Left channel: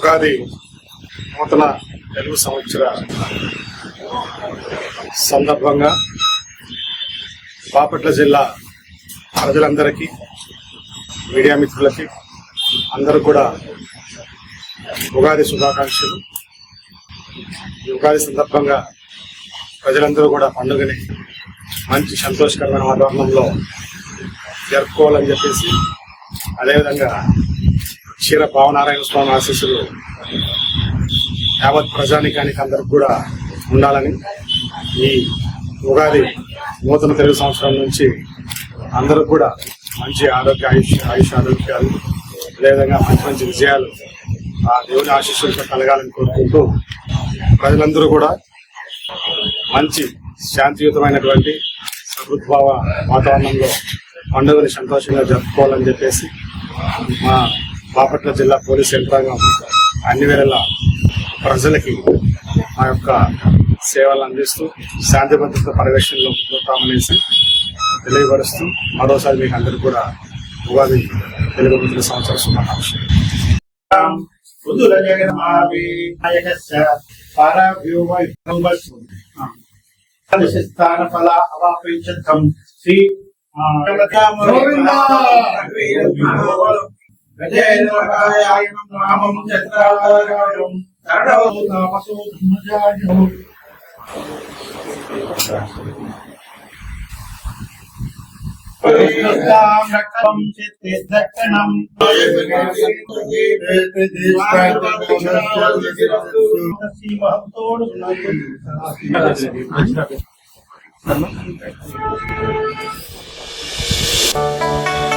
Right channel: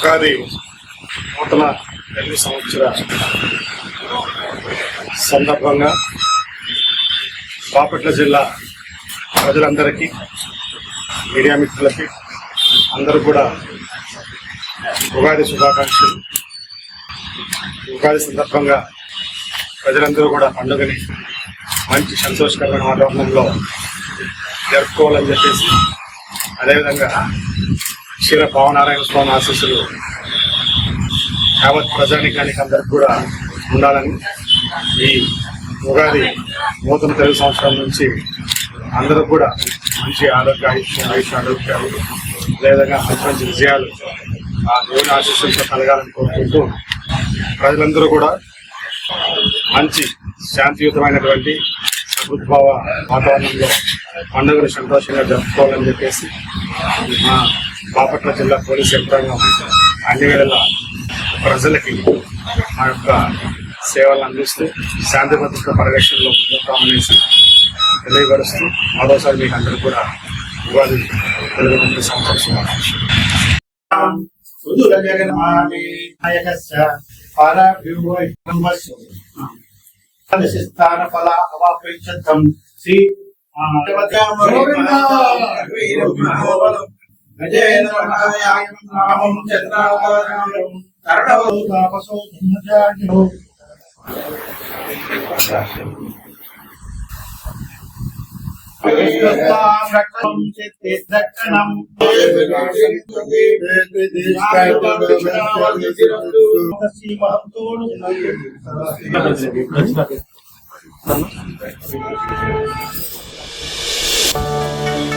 ఉగాది నూతన తెలుగు సంవత్సర సందర్భంగా బాపట్ల జిల్లా ప్రజలందరికీ, మీడియా మిత్రులకి అందరూ కూడా ఉగాది శుభాకాంక్షలు. ఉగాది సందర్భంగా ప్రజలందరూ కూడా పండుగని మంచి సంతోషకరమైన వాతావరణంలో జరుపుకోవాలని చెప్పేసి, అదేవిధంగా క్షీర భావనారాయణ స్వామి ఆశీస్సులు యావత్ ప్రజానికానికి అందరికి కూడా ఉండాలని, ఈ ఉగాది నూతన తెలుగు సంవత్సరం నుంచి అందరూ కూడా మంచి ఆయుష్ ఆరోగ్యాలు, అదేవిధంగా మంచి మంచి విజయాలు ఆ దేవుని ఆశీస్సులతో కలగాలని కోరుకుంటూ, ప్రజలందరూ కూడా మంచి శాంతియుతమైనటువంటి సద్భావ వాతావరణంలో పండుగను సంతోషంగా జరుపుకోవాలని చెప్పేసి మా బాపట్ల జిల్లా పోలీస్ యంత్రాంగం అన్ని వేళలా ప్రజలకి మా యొక్క సేవలు అందిస్తూ శాంతి భద్రత పరిరక్షణలో ముందుతామనేసి తెలియపరుస్తూ మరోసారి మీకు అందరూ కూడా ఉగాది తెలుగు మిత్ర సంవత్సర శుభాకాంక్షలు. Thank you.